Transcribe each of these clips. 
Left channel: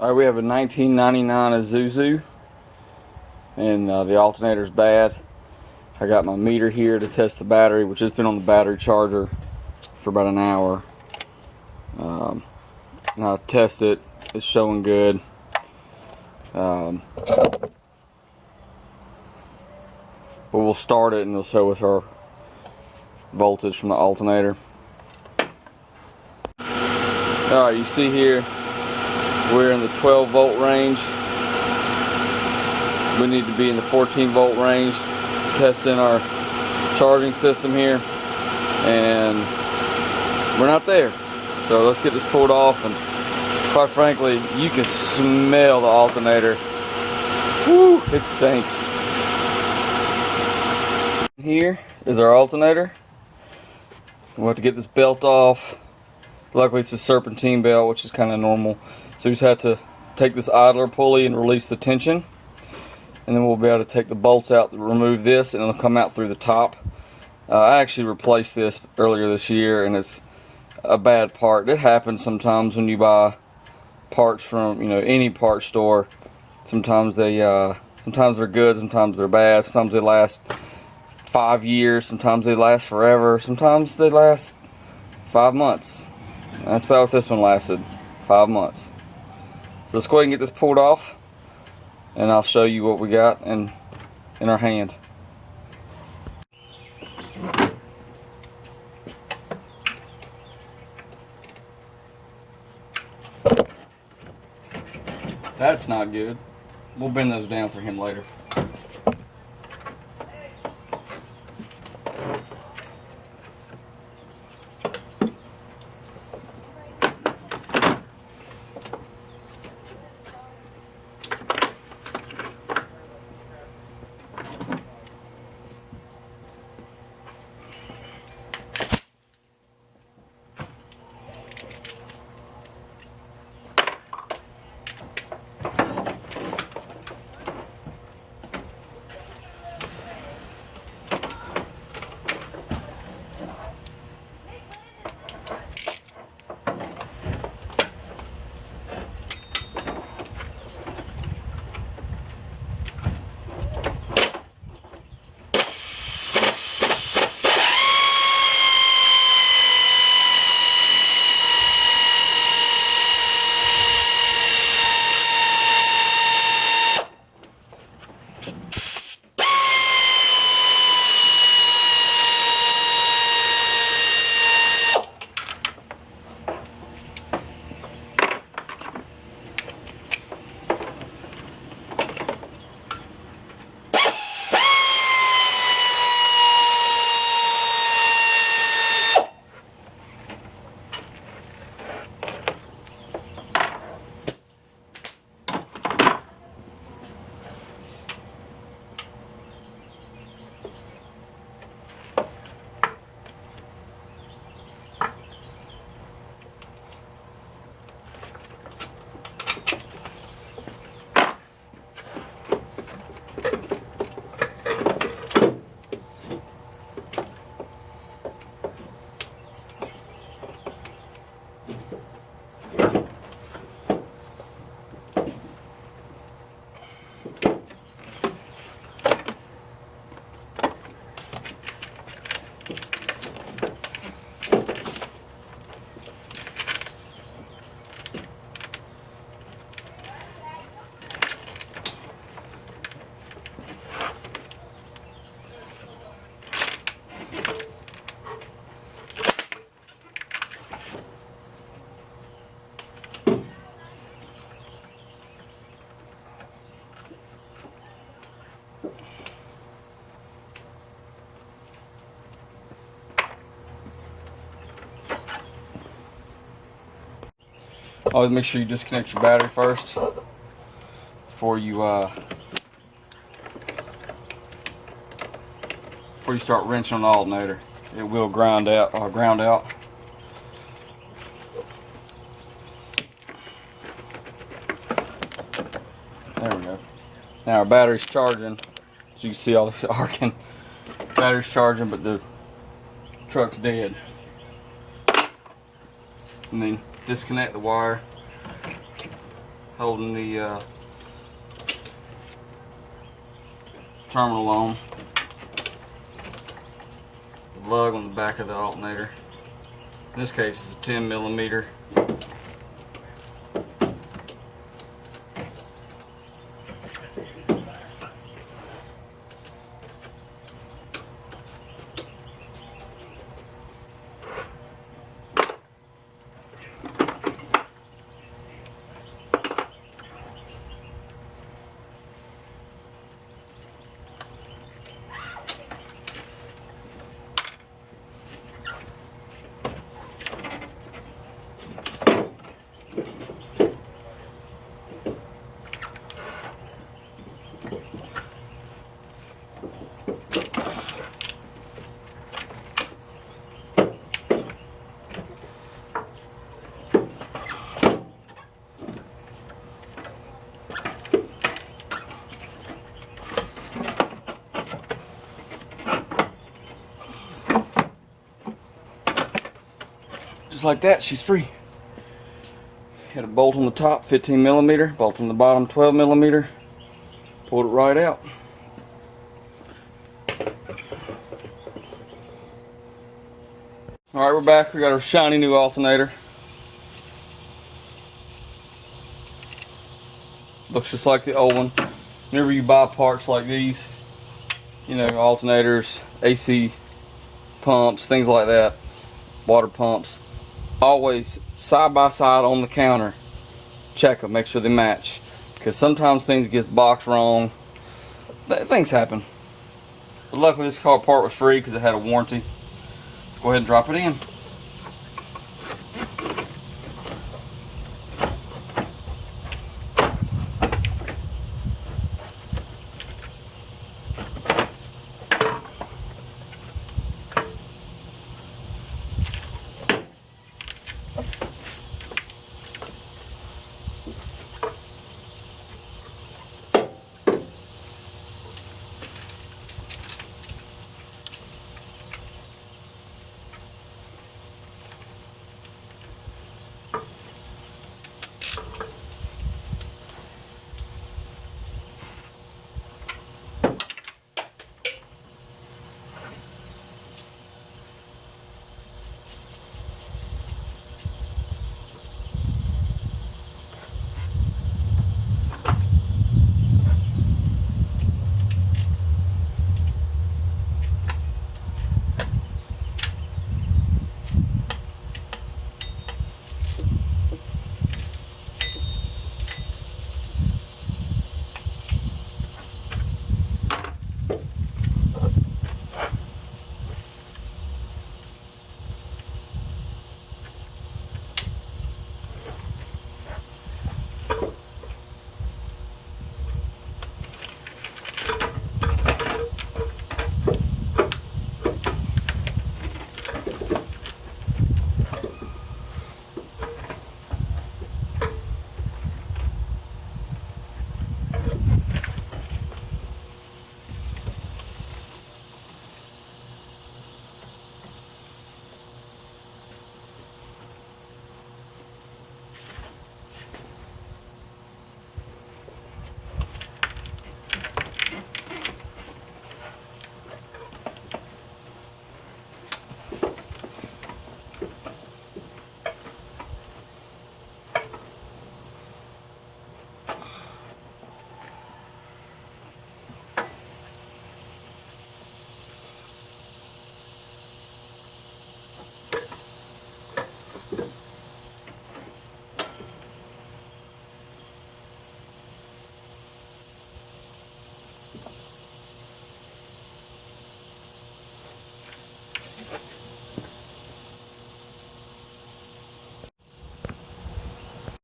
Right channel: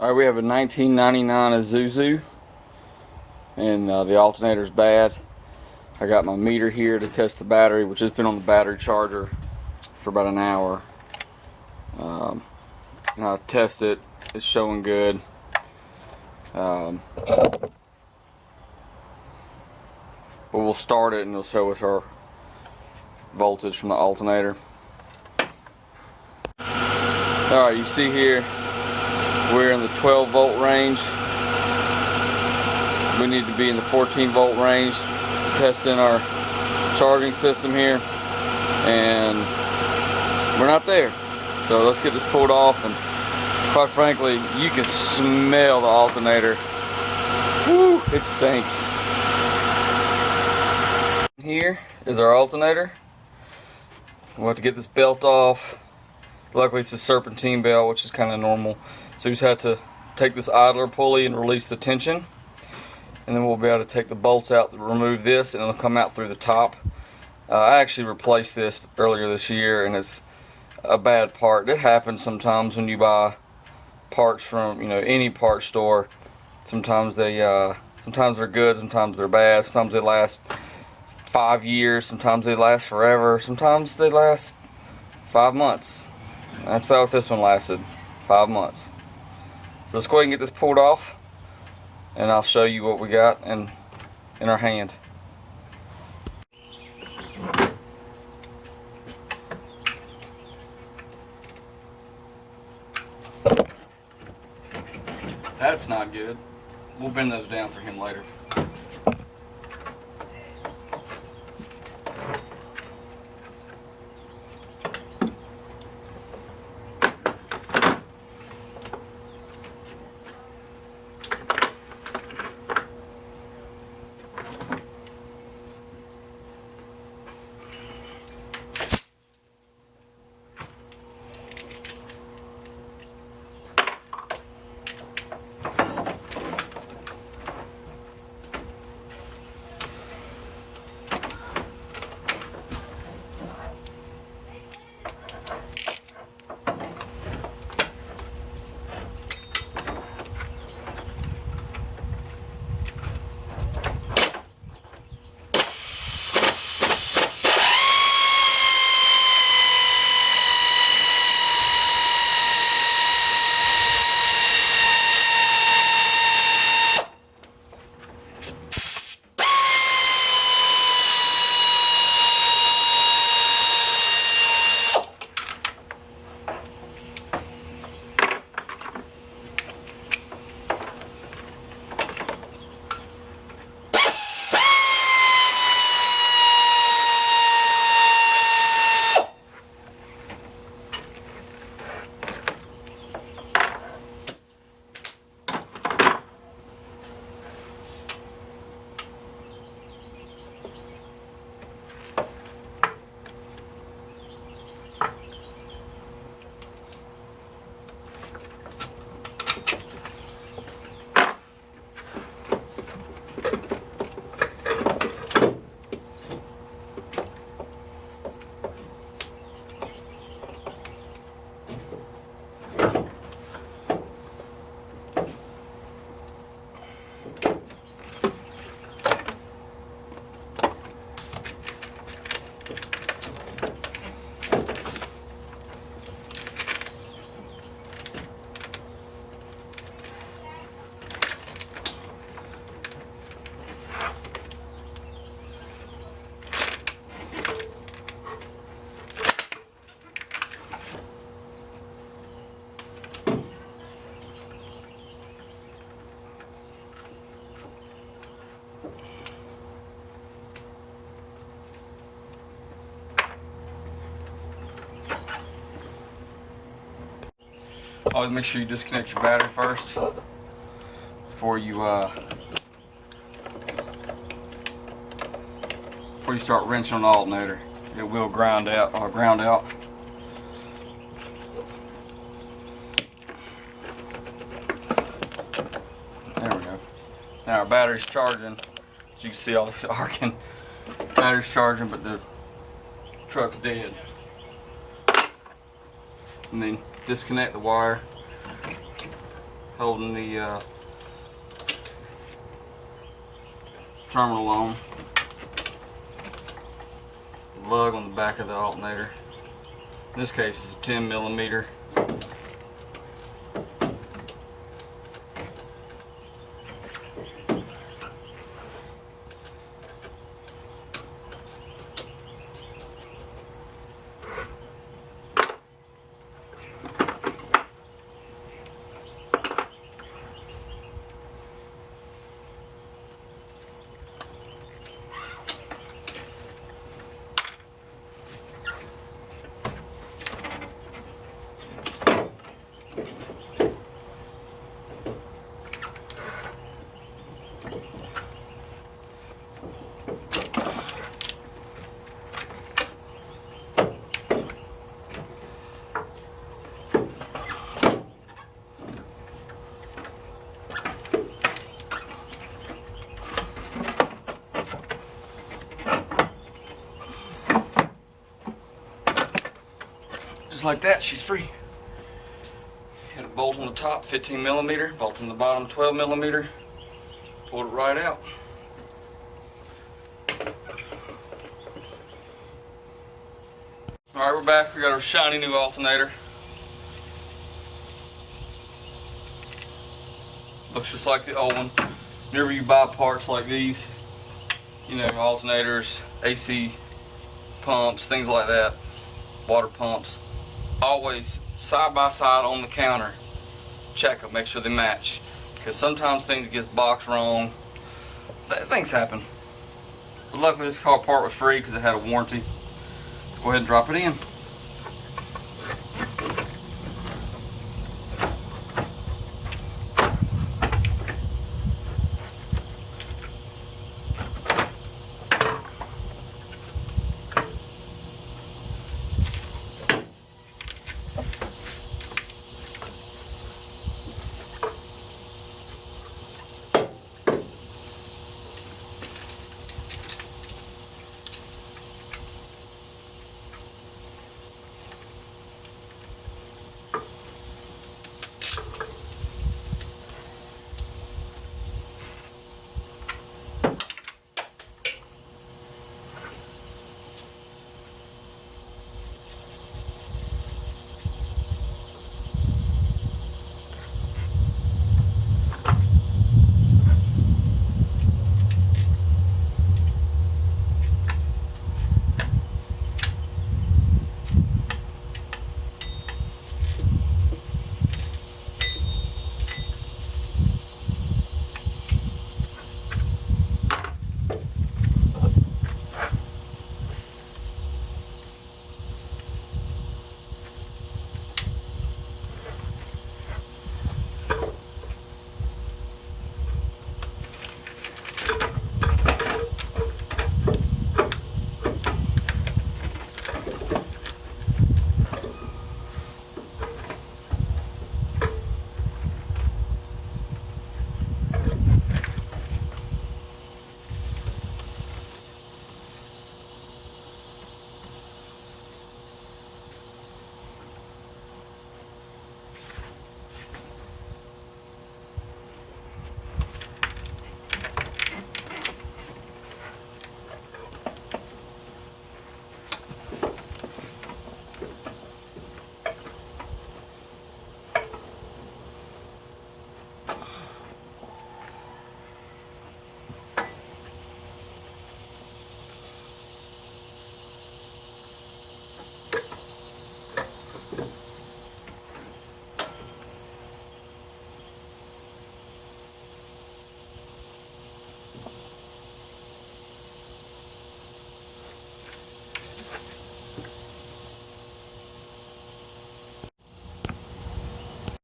Alright, we have a 1999 Isuzu, and the alternator's bad. I got my meter here to test the battery, which has been on the battery charger for about an hour. And I test it, it's showing good. But we'll start it and it'll show us our voltage from the alternator. Alright, you see here we're in the 12 volt range. We need to be in the 14 volt range. Testing our charging system here, and we're not there. So let's get this pulled off, and quite frankly, you can smell the alternator. Woo, it stinks. Here is our alternator. We'll have to get this belt off. Luckily it's a serpentine belt, which is kind of normal. So you just have to take this idler pulley and release the tension. And then we'll be able to take the bolts out to remove this, and it'll come out through the top. I actually replaced this earlier this year, and it's a bad part. It happens sometimes when you buy parts from, any part store. Sometimes sometimes they're good, sometimes they're bad. Sometimes they last 5 years, sometimes they last forever, sometimes they last 5 months. That's about what this one lasted, 5 months. So let's go ahead and get this pulled off, and I'll show you what we got in our hand. That's not good. We'll bend those down for him later. Always make sure you disconnect your battery first before you start wrenching on the alternator. It will ground out. There we go. Now our battery's charging. As you can see all this arcing. Battery's charging, but the truck's dead. And then disconnect the wire holding the terminal on. The lug on the back of the alternator. In this case, it's a 10mm. Just like that, she's free. Had a bolt on the top, 15mm, bolt on the bottom, 12mm. Pulled it right out. Alright, we're back. We got our shiny new alternator. Looks just like the old one. Whenever you buy parts like these, you know, alternators, AC pumps, things like that, water pumps, always side by side on the counter. Check them, make sure they match, because sometimes things get boxed wrong. Things happen. But luckily this car part was free because it had a warranty. Let's go ahead and drop it in.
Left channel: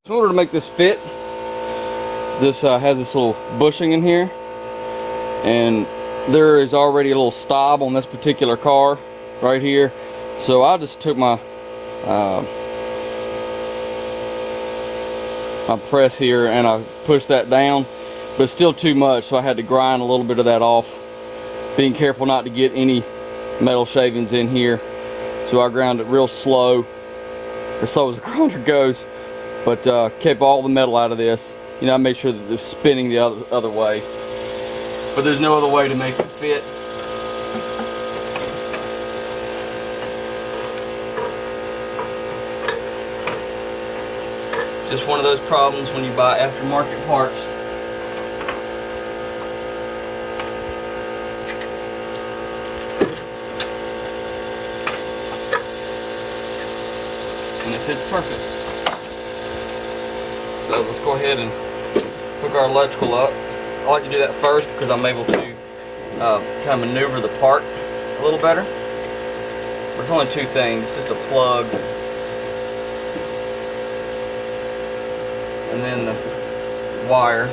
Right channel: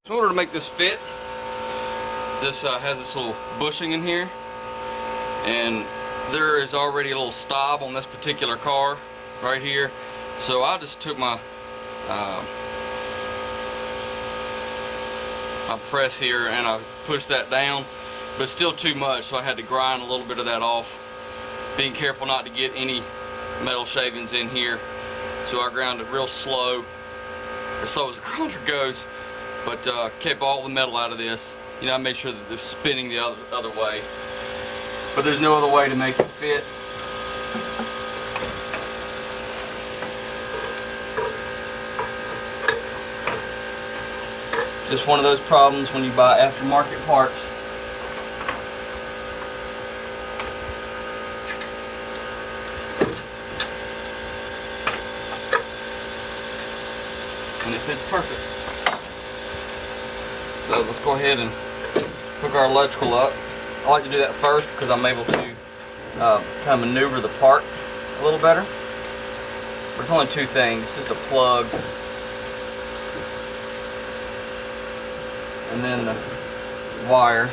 In order to make this fit, this has this little bushing in here, and there is already a little stop on this particular car right here. So I just took my my press here and I pushed that down, but it's still too much, so I had to grind a little bit of that off, being careful not to get any metal shavings in here. So I ground it real slow, as slow as a grinder goes, but kept all the metal out of this. You know, I make sure that they're spinning the other way. But there's no other way to make it fit. Just one of those problems when you buy aftermarket parts. And it fits perfect. So let's go ahead and hook our electrical up. I like to do that first because I'm able to kind of maneuver the part a little better. But it's only two things. It's just a plug and then the wire.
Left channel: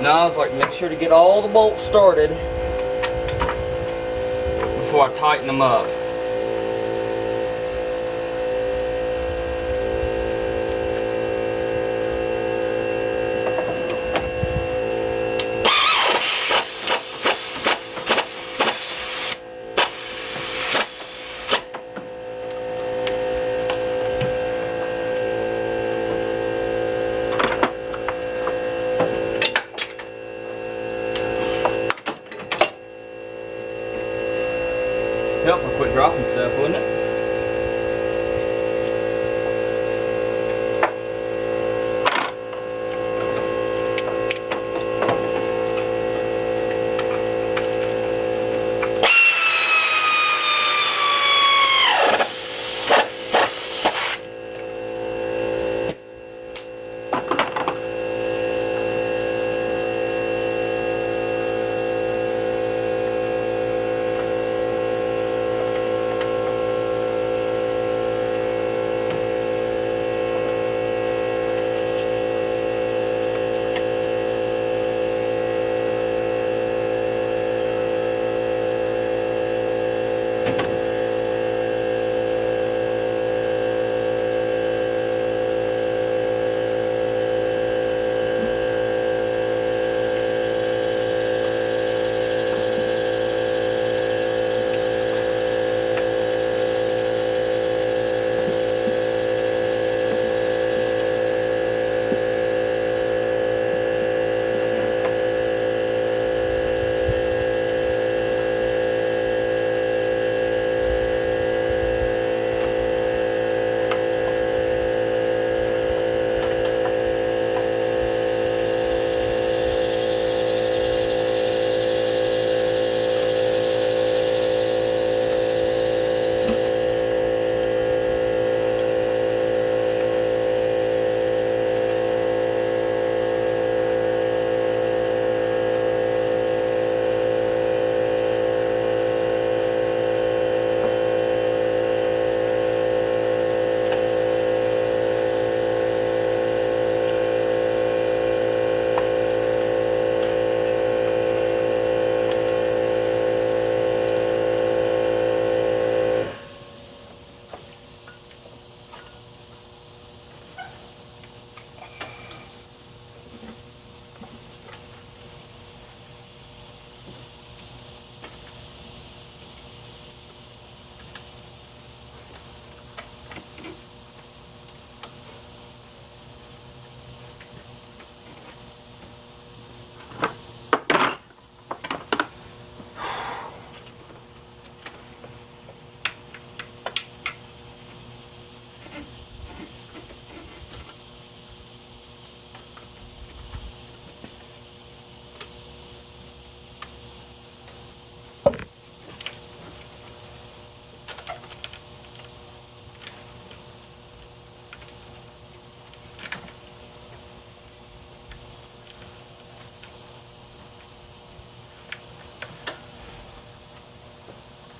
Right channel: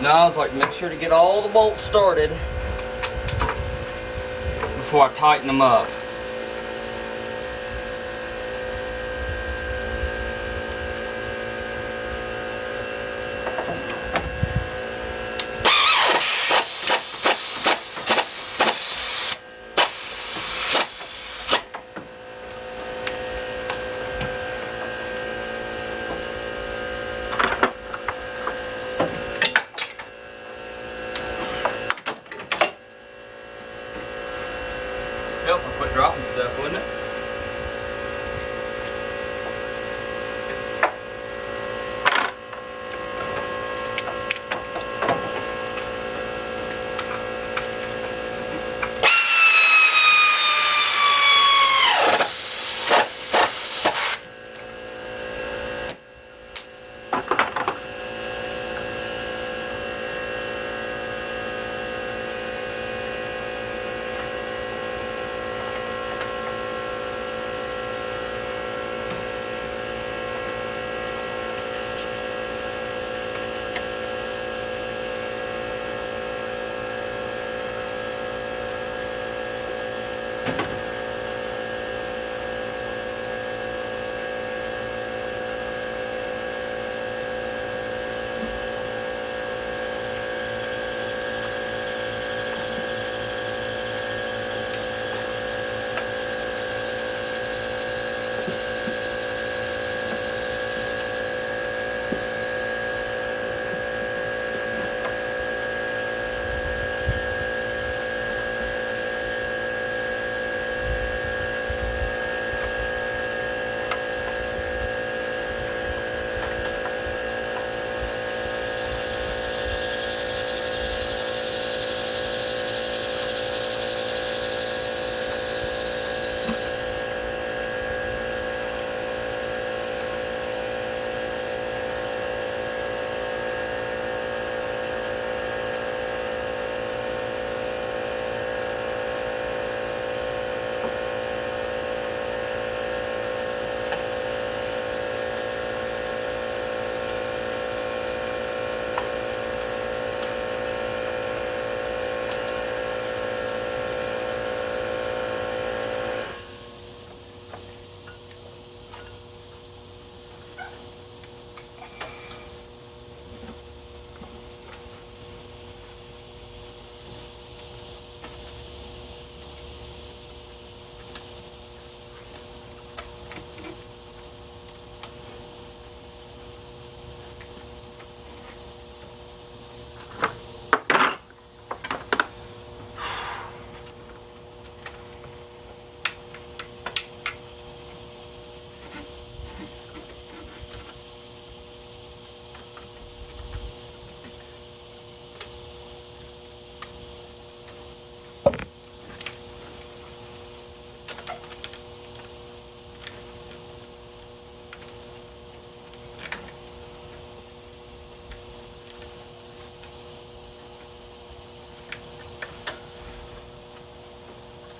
Now I was like, make sure to get all the bolts started before I tighten them up. Help if I quit dropping stuff, wouldn't it?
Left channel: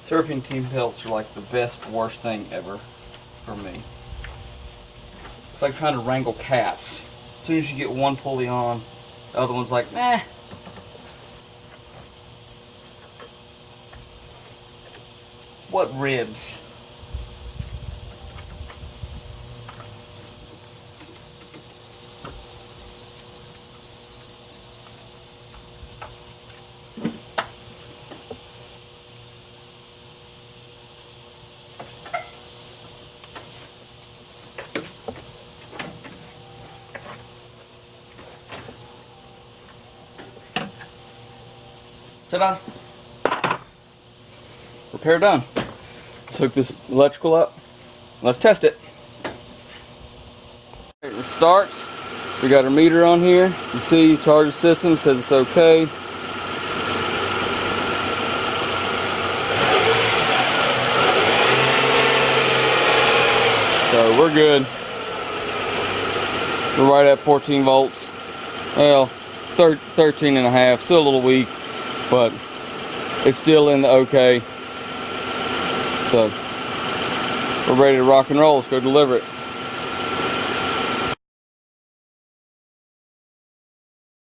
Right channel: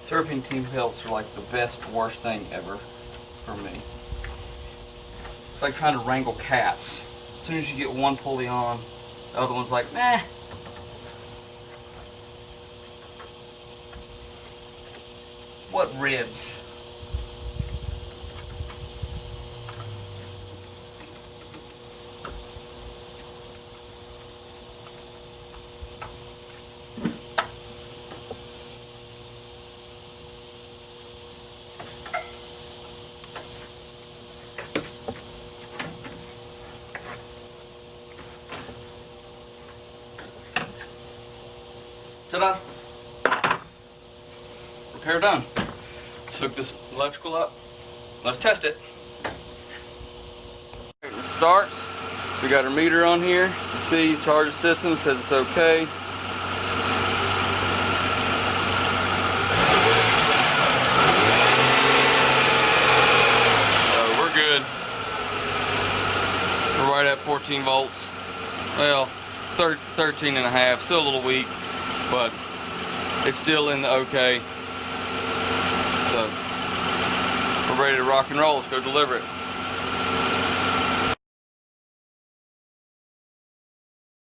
Serpentine belts are like the best, worst thing ever for me. It's like trying to wrangle cats. As soon as you get one pulley on, the other one's like, nah. What ribs? Ta-da! Repair done. Let's hook this electrical up. Let's test it. It starts. We got our meter on here. You can see charge the system, says it's okay. So we're good. We're right at 14 volts. Well, 13 and a half, still a little weak, but it's still in the okay. So we're ready to rock and roll. Let's go deliver it.